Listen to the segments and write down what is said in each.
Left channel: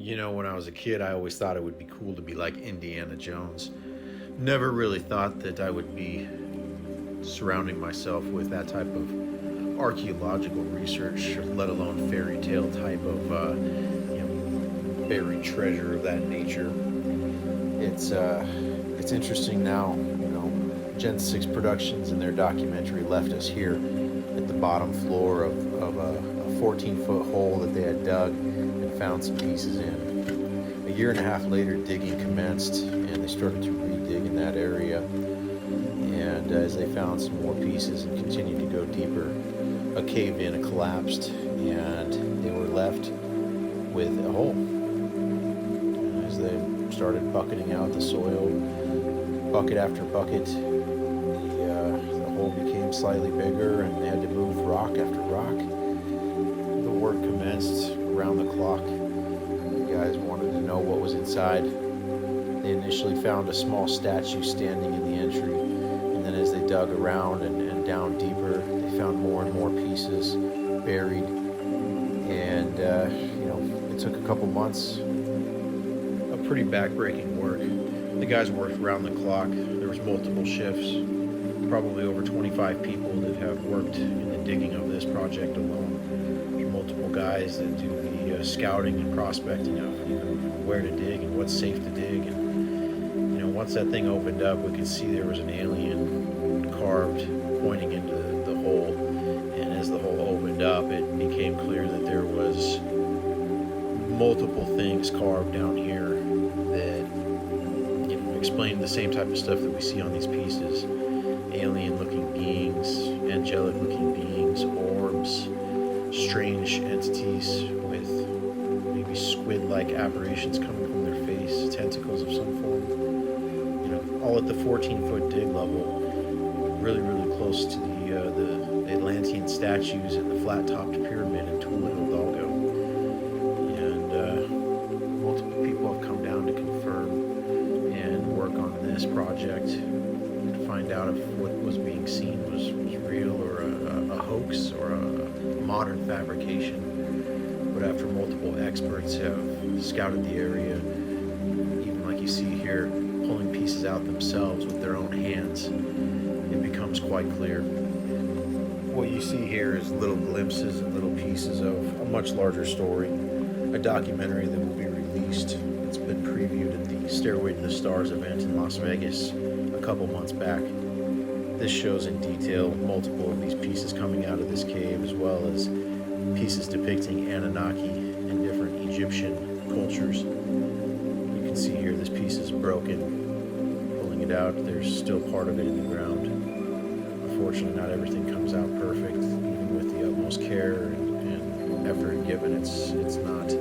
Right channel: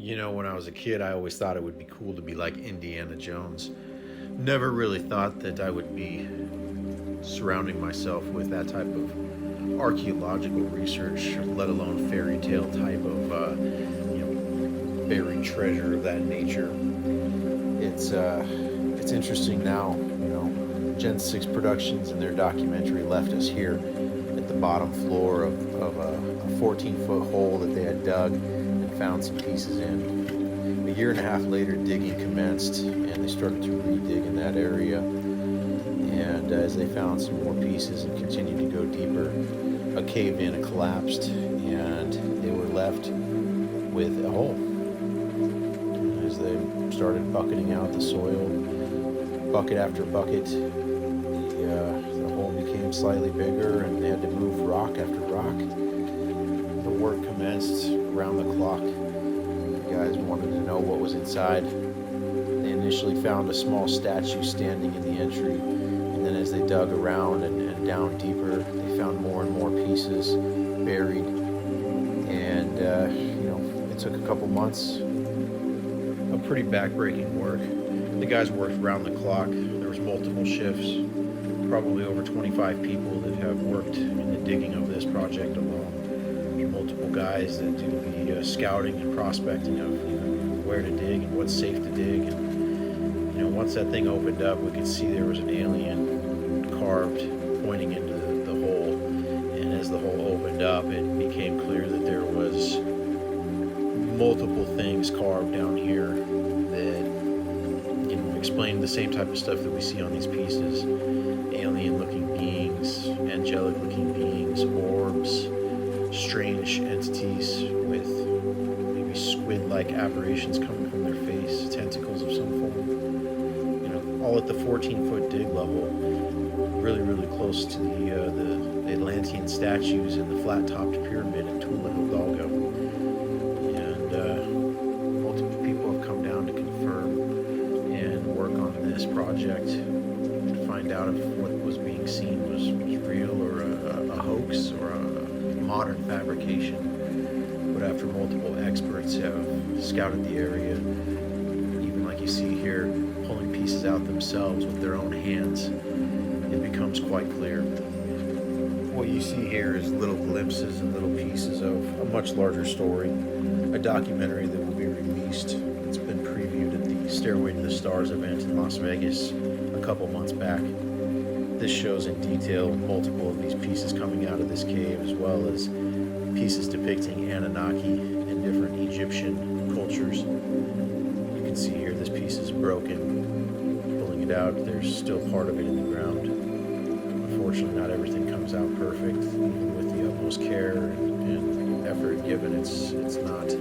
You know, when I was a kid, I always thought it would be cool to be like Indiana Jones. Never really thought that I would be surrounding myself with that type of archaeological research, let alone fairy tale type of, buried treasure of that nature. It's interesting now. Gen 6 Productions and their documentary left us here at the bottom floor of a 14-foot hole that they had dug and found some pieces in. A year and a half later, digging commenced, and they started to re-dig in that area. And as they found some more pieces and continued to go deeper, a cave-in collapsed, and they were left with a hole. And as they started bucketing out the soil, bucket after bucket, the hole became slightly bigger, and they had to move rock after rock. The work commenced around the clock. The guys wanted to know what was inside. They initially found a small statue standing in the entry, and then as they dug around and down deeper, they found more and more pieces buried. And it took a couple months of pretty backbreaking work. The guys worked around the clock. There was multiple shifts, probably over 25 people that have worked in the digging of this project alone. There's multiple guys that do the scouting and prospecting of even where to dig and what's safe to dig. And once that thing opened up, we could see there was an alien carved pointing into the hole. And as the hole opened up, it became clear that there was multiple things carved down here that explained the same type of stuff that we see on these pieces. Alien looking beings, angelic looking beings, orbs, strange entities with maybe squid like apparitions coming from their face, tentacles of some form. All at the 14-foot dig level, really, really close to the Atlantean statues and the flat-topped pyramid in Tula Hidalgo. And multiple people have come down to confirm and work on this project to find out if what was being seen was real or a hoax or a modern fabrication. But after multiple experts have scouted the area, even like you see here, pulling pieces out themselves with their own hands, it becomes quite clear. What you see here is little glimpses and little pieces of a much larger story, a documentary that will be released. It's been previewed at the Stairway to the Stars event in Las Vegas a couple months back. This shows in detail multiple of these pieces coming out of this cave, as well as pieces depicting Anunnaki and different Egyptian cultures. You can see here this piece is broken. Pulling it out, there's still part of it in the ground. Unfortunately, not everything comes out perfect, even with the utmost care and effort given. It's not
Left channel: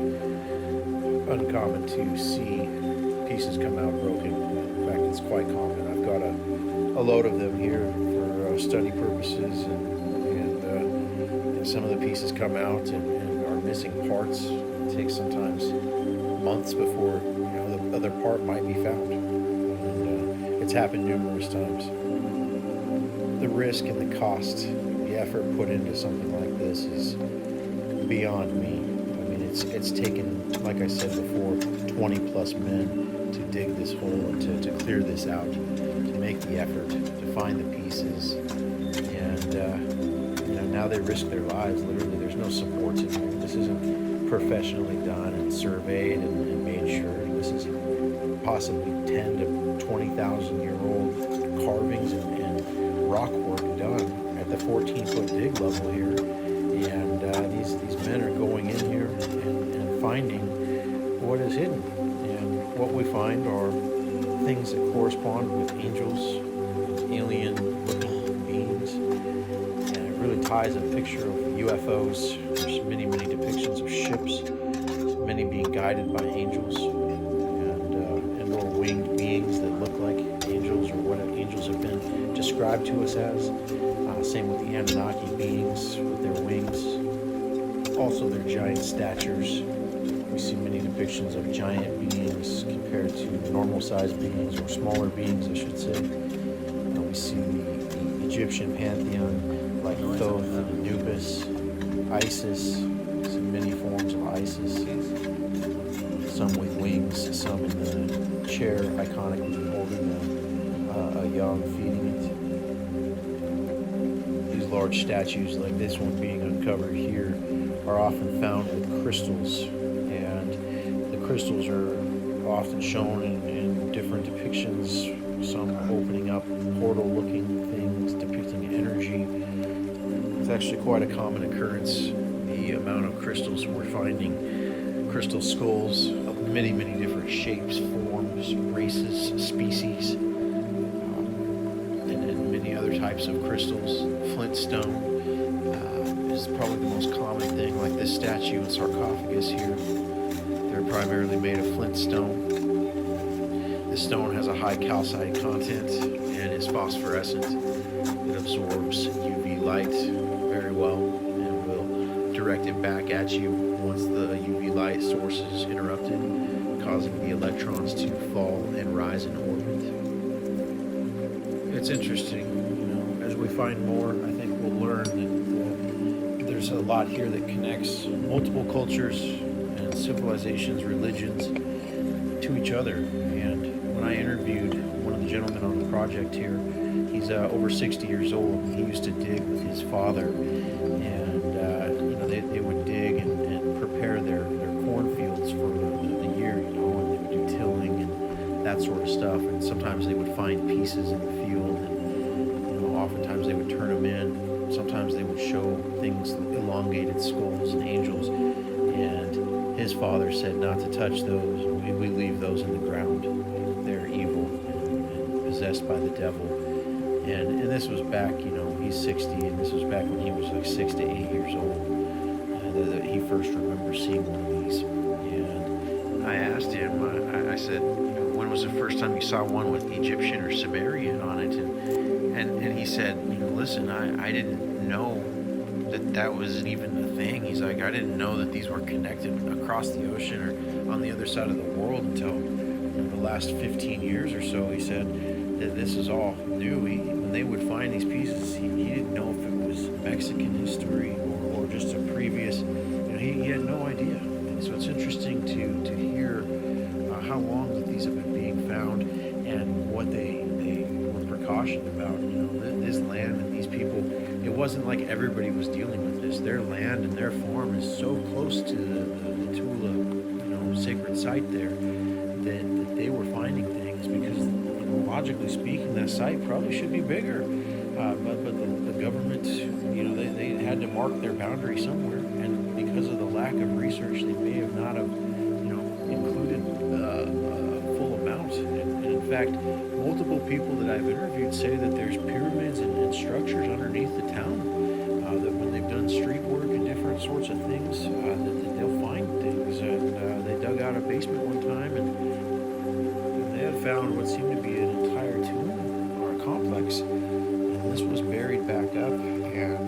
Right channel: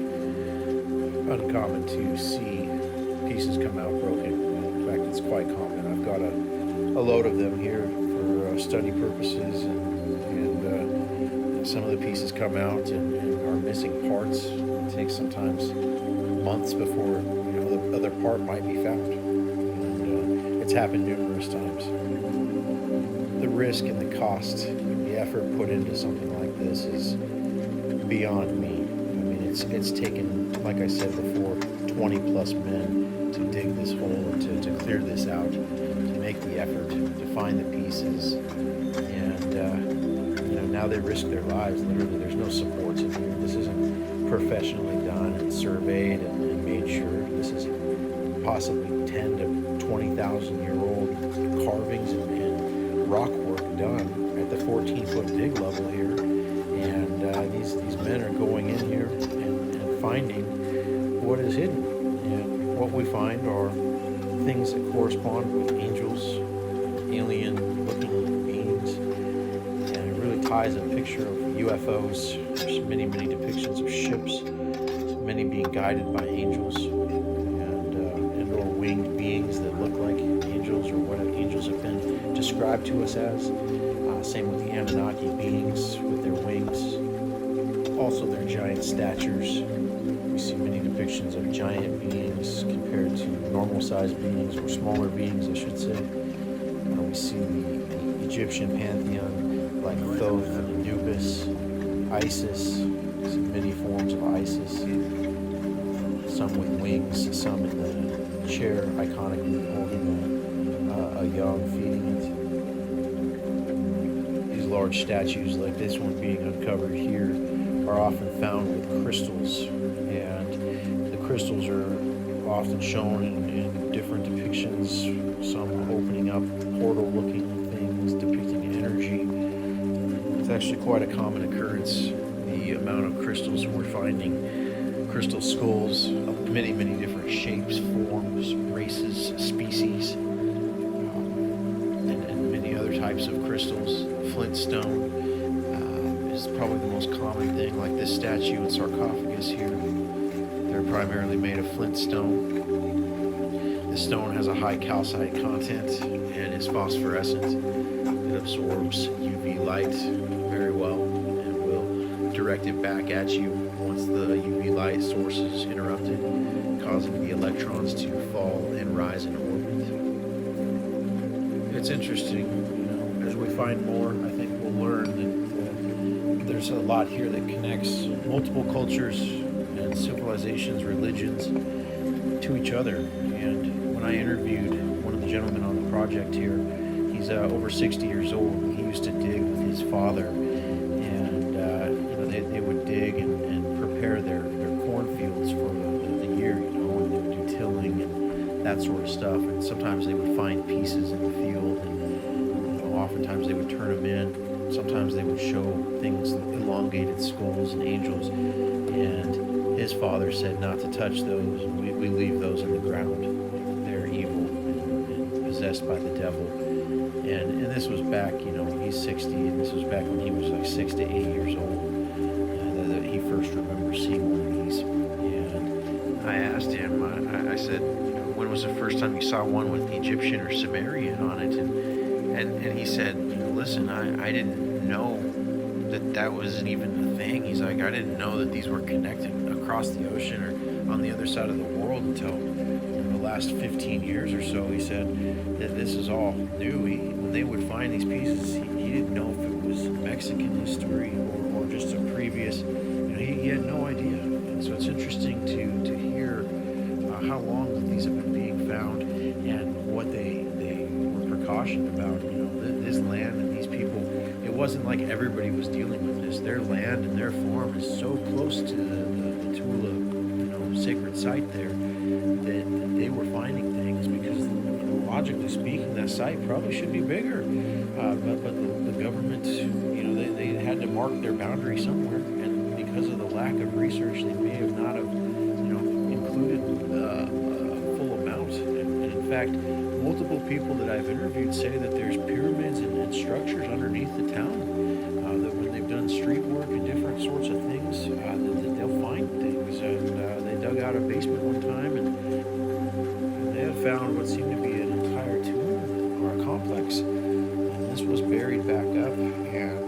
uncommon to see pieces come out broken. In fact, it's quite common. I've got a load of them here for study purposes, and some of the pieces come out and are missing parts. It takes sometimes months before the other part might be found, and it's happened numerous times. The risk and the cost, the effort put into something like this is beyond me. I mean, it's taken, like I said before, 20 plus men to dig this hole and to clear this out, to make the effort, to find the pieces. And now they risk their lives. Literally, there's no supports in here. This isn't professionally done and surveyed and made sure. This is possibly 10 to 20,000 year old carvings and rock work done at the 14-foot dig level here. And these men are going in here and finding what is hidden. And what we find are things that correspond with angels, alien-looking beings. And it really ties a picture of UFOs. There's many, many depictions of ships, many being guided by angels and or winged beings that look like angels, or what angels have been described to us as. Same with the Anunnaki beings with their wings, also their giant statures. We see many depictions of giant beings compared to normal-sized beings, or smaller beings, I should say. We see the Egyptian pantheon like Thoth and Anubis, Isis, see many forms of Isis. some with wings, some in the chair, iconically holding a young, feeding it. These large statues, like this one being uncovered here, are often found with crystals, and the crystals are often shown in different depictions, some opening up portal-looking things, depicting energy. It's actually quite a common occurrence, the amount of crystals we're finding. Crystal skulls of many, many different shapes, forms, races, species, and many other types of crystals. Flint stone is probably the most common thing, like this statue and sarcophagus here. They're primarily made of flint stone. This stone has a high calcite content and is phosphorescent. It absorbs UV light very well and will direct it back at you once the UV light source is interrupted, causing the electrons to fall and rise in orbit. It's interesting, as we find more, I think we'll learn that there's a lot here that connects multiple cultures and civilizations, religions to each other. And when I interviewed one of the gentlemen on the project here, he's over 60 years old, and he used to dig with his father, and they would dig and prepare their cornfields for the year, and they would do tilling and that sort of stuff. And sometimes they would find pieces in the field, and oftentimes they would turn them in. Sometimes they would show things, elongated skulls and angels, and his father said not to touch those. We leave those in the ground. They're evil and possessed by the devil. And this was back, he's 60, and this was back when he was like 6 to 8 years old, that he first remembers seeing one of these. And I asked him, I said, when was the first time you saw one with Egyptian or Sumerian on it? And he said, listen, I didn't know that wasn't even a thing. He's like, I didn't know that these were connected across the ocean or on the other side of the world until the last 15 years or so. He said that this is all new. When they would find these pieces, he didn't know if it was Mexican history or just a previous, he had no idea. And so it's interesting to hear how long that these have been being found and what they were precautioned about. This land and these people, it wasn't like everybody was dealing with this. Their land and their farm is so close to the Tula, sacred site there, that they were finding things because, logically speaking, that site probably should be bigger. But the government, they had to mark their boundary somewhere, and because of the lack of research, they may have not have, included a full amount. And in fact, multiple people that I've interviewed say that there's pyramids and structures underneath the town, that when they've done street work and different sorts of things, that they'll find things. And they dug out a basement one time, and they had found what seemed to be an entire tomb or a complex. And this was buried back up, and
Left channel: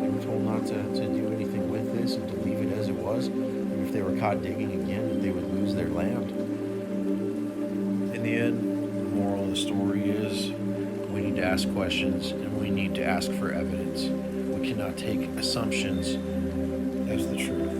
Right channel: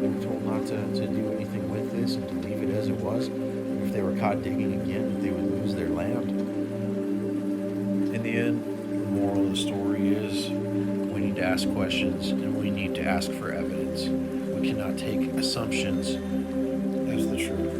they were told not to do anything with this and to leave it as it was. And if they were caught digging again, that they would lose their land. In the end, the moral of the story is we need to ask questions and we need to ask for evidence. We cannot take assumptions as the truth.